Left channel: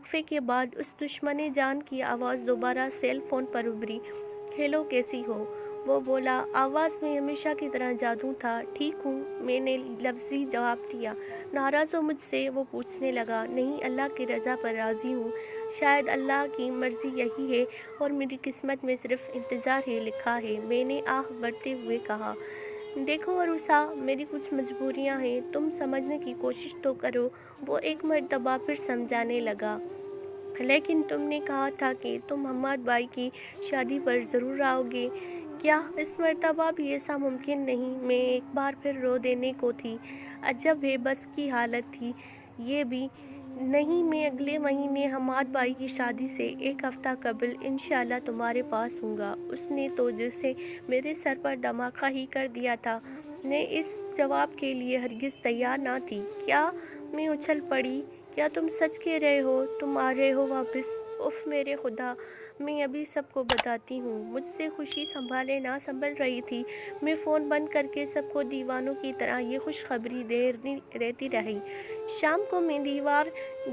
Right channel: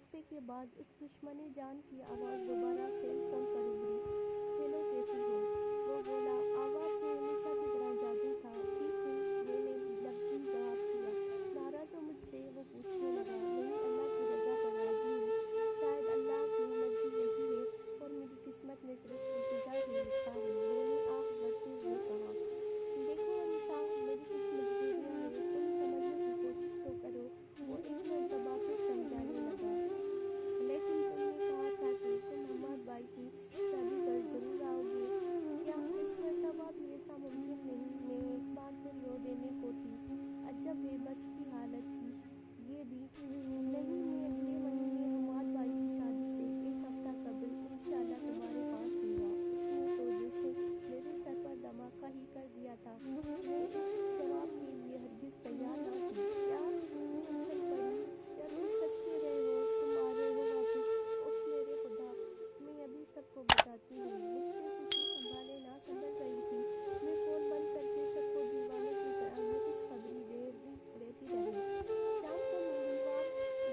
وقفے کے بعد اس دشمن جان کی آواز دوبارہ سیل فون پر ابھری۔ ہیلو، کیسی ہو؟ وہ بولا۔ آواز میں ہمیشہ کی طرح جادو تھا۔ ٹھیک ہوں، میں نے لفظی جواب دیا۔ ناراض ہو مجھ سے؟ وہ پوچھنے لگا۔ نہیں، اللہ کی رضا پر راضی ہوں۔ شاید اللہ کی مرضی یہی ہے اور میری قسمت میں صرف انتظار ہی لکھا ہے، میں نے آہ بھرتے ہوئے کہا۔ دیکھو عروسا، میری کچھ مجبوریاں ہیں، تم سمجھنے کی کوشش تو کرو۔ وہ ایک مرتبہ پھر سمجھانے لگا۔ لیکن تم نے کہا تھا کہ تم حماد بھائی کی شادی پر ضرور آؤ گے۔ کیا اس مرتبہ بھی ایسا ممکن نہیں؟ میں ایک بار پھر رو دینے کو تھی۔ عجب ہے بس کی حالت تھی یہ بھی۔ نہیں، میں اگلے مہینے حماد بھائی کی شادی سے ایک ہفتہ قبل انشاءاللہ تمہارے پاس ہوں گا۔ اس نے تو جیسے میرے سر پر دھماکہ ہی کر دیا تھا۔ میں اس جواب کے لیے ہرگز تیار نہ تھی۔ کیا؟ میں اچھل پڑی۔ کیا تم سچ کہہ رہے ہو؟ تم آ رہے ہو واپس؟ اف میرے خدا، میں ابھی سب کو بتاتی ہوں۔ مجھ سے خوشی سنبھالے نہ سنبھل رہی تھی۔ میں فون بند کر کے سب کو دیوانوں کی طرح یہ خوشخبری دیتی رہی۔ شام کو میں دیوار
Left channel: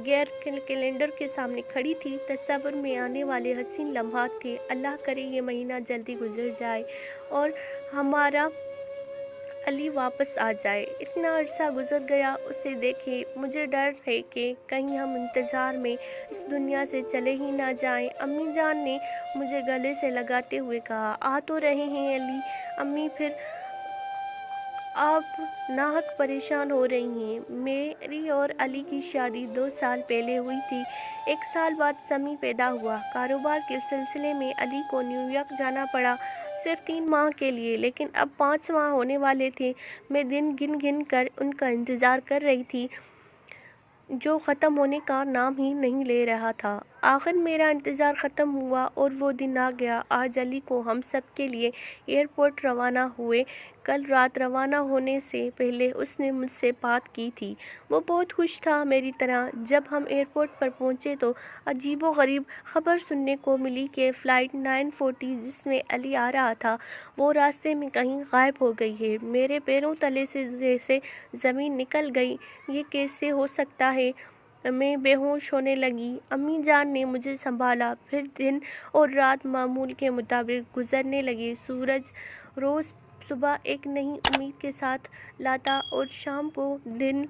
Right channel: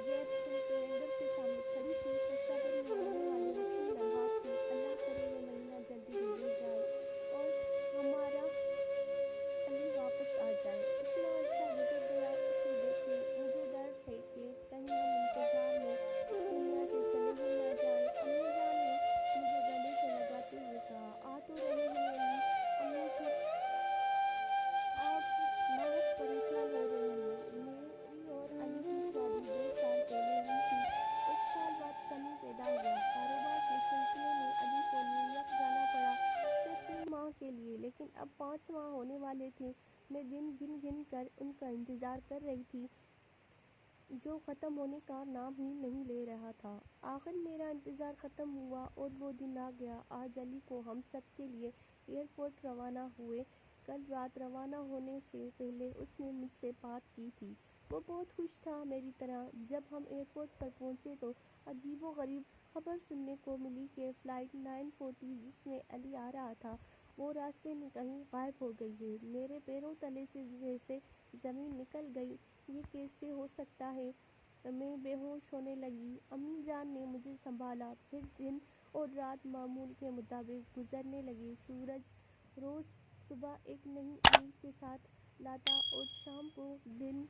گیر کیلنڈر کے سامنے کھڑی تھی۔ تصور میں آنے والے حسین لمحات تھے۔ اللہ کرے یہ مہینہ جلدی گزر جائے اور ہمارا علی واپس آ جائے۔ اتنا عرصہ گزر گیا اسے دیکھے۔ مجھے ڈر ہے کہ کہیں ہم انتظار میں اس دنیا سے چلے ہی نہ جائیں۔ امی جان نے مجھے گلے سے لگاتے ہوئے کہا۔ آ تو رہے ہیں علی۔ امی، پھر آپ ناحق پریشان ہو رہی ہیں۔ میری اور علی کی شادی 2 سال پہلے ہوئی تھی۔ 1 سال بعد سمیع پیدا ہوا۔ کاروبار کے سلسلے میں علی کو نیو یارک جانا پڑا، صرف 3 ماہ کے لیے، لیکن اب 5 ماہ ہونے والے تھے۔ میں دن گن گن کر ان کا انتظار کر رہی تھی جو ختم ہونے کا نام ہی نہیں لے رہا تھا۔ آخر میرا انتظار ختم ہوا اور وہ دن آ گیا۔ آج علی کو ہم سب کے لیے ایئرپورٹ روانہ ہوئے۔ کل رات روانہ ہونے سے پہلے اس نے مجھ سے بات کی تھی۔ وہ بہت خوش تھا میری طرح۔ جب ہم ایئرپورٹ پر پہنچے تو عجیب و غریب خبر سننے کو ملی کہ فلائٹ 940 جس میں علی آ رہا تھا وہ راستے میں کہیں غائب ہو گئی ہے۔ میرے پیروں تلے سے جیسے زمین نکل گئی۔ یہ کیسے ہو سکتا ہے؟ میں بے ہوش ہونے لگی۔ امی جان نے مجھے سنبھالا۔ پھر دن اور رات معمول کے مطابق گزرنے لگے۔ سورج روز صبح ایک نئی امید کے ساتھ لاتا اور شام کو دل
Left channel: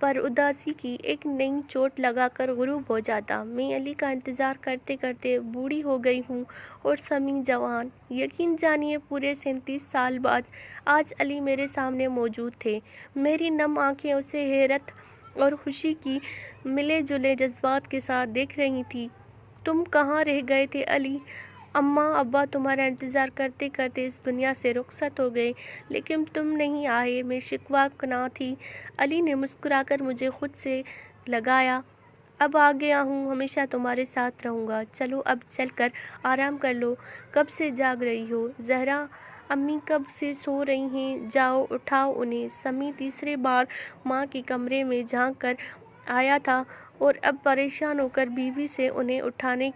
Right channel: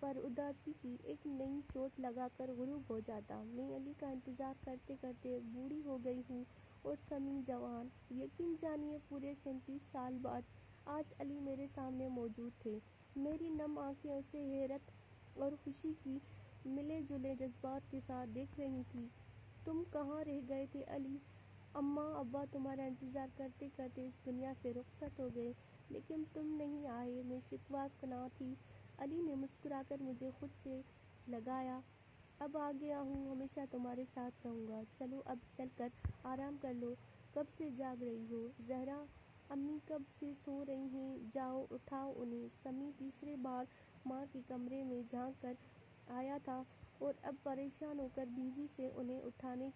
پر اداسی کی ایک نئی چوٹ لگا کر غروب ہو جاتا۔ میں علی کا انتظار کرتے کرتے بوڑھی ہو گئی ہوں اور سمیع جوان۔ یقین جانیے پورے 37 سال بعد آج علی میرے سامنے موجود تھے۔ میری نم آنکھیں اسے حیرت اور خوشی کی ملے جلے جذبات کے ساتھ دیکھ رہی تھیں۔ تم کہاں رہ گئے تھے علی؟ اماں ابا تمہارا انتظار کرتے کرتے اس دنیا سے رخصت ہو گئے، لیکن تم نہیں آئے۔ میں شکوہ کناں تھی۔ علی نے مسکرا کر مجھے خود سے لگایا۔ اب آ گیا ہوں، ہمیشہ تمہارے ساتھ رہوں گا۔ چلو اب چل کر آرام کر لو۔ کب سے جاگ رہی ہو؟ زہرا امی کب سے سو رہی ہیں، جاؤ اٹھاؤ انہیں۔ سمیع تیسرے بار ماں کے کمرے میں جھانک کر آیا تھا اور اب پریشان ہو کر بیوی سے انہیں اٹھانے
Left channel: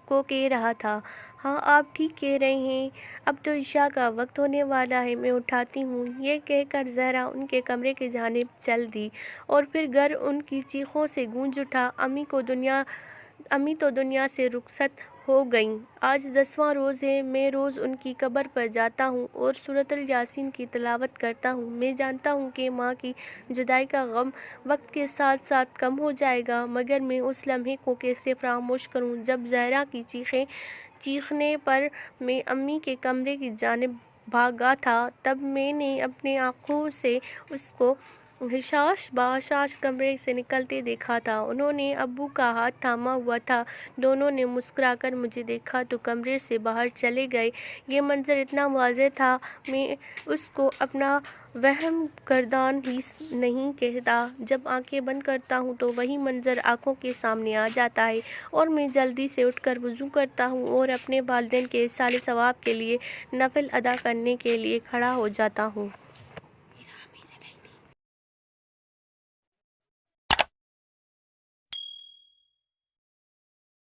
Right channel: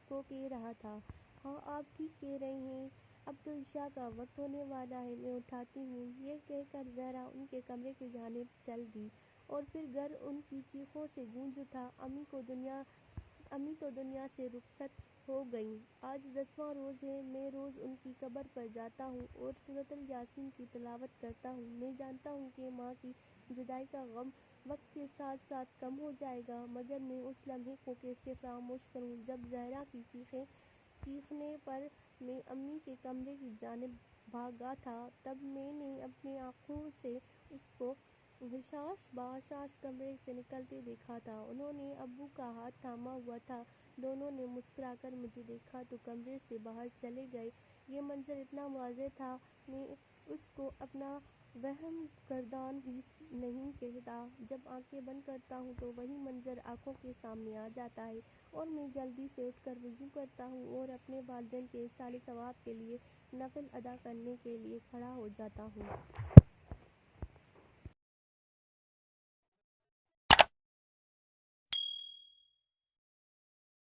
کو کہہ رہا تھا۔ ہاں آپ ٹھیک کہہ رہے ہیں، اب تو عشاء کا وقت ہونے والا ہے، میں اٹھاتی ہوں۔ یہ کہہ کر زہرا ان کے کمرے کی جانب چل دی اور پھر گھر ان کی چیخوں سے گونج اٹھا۔ امی تو دنیا سے رخصت ہو گئیں۔ آج 10واں روز ہے۔ میں روز ان کی قبر پر جاتا ہوں اور سورۃ یاسین کی تلاوت کرتا ہوں۔ میں جانتا ہوں کہ ماں کی جدائی کا غم وقت کے ساتھ ساتھ کم ہو جائے گا، مگر میں اس لمحے کو کیسے فراموش کروں جب زہرا کی چیخنے پر میں امی کے کمرے کی جانب بھاگا تھا۔ تب میں نے اپنی آنکھوں سے اس کو حشاش بحشاش کمرے سے نکلتے دیکھا تھا۔ انہوں نے ابو کا ہاتھ تھاما ہوا تھا۔ دونوں نے مسکرا کر مجھے دیکھا تو کمرے سے باہر چلے گئے۔ یہ منظر اتنا واضح تھا میں اس کو اپنا وہم گردان ہی نہیں کہتا۔ جب آنکھیں بند کرتا ہوں تو وہی منظر آنکھوں کے سامنے آ جاتا ہے اور میں جلدی سے اٹھ کر وضو کرتا ہوں اور اپنے والدین کے ایصال ثواب کے لیے نفل ادا کرنے کے لیے کھڑا ہو جاتا ہوں۔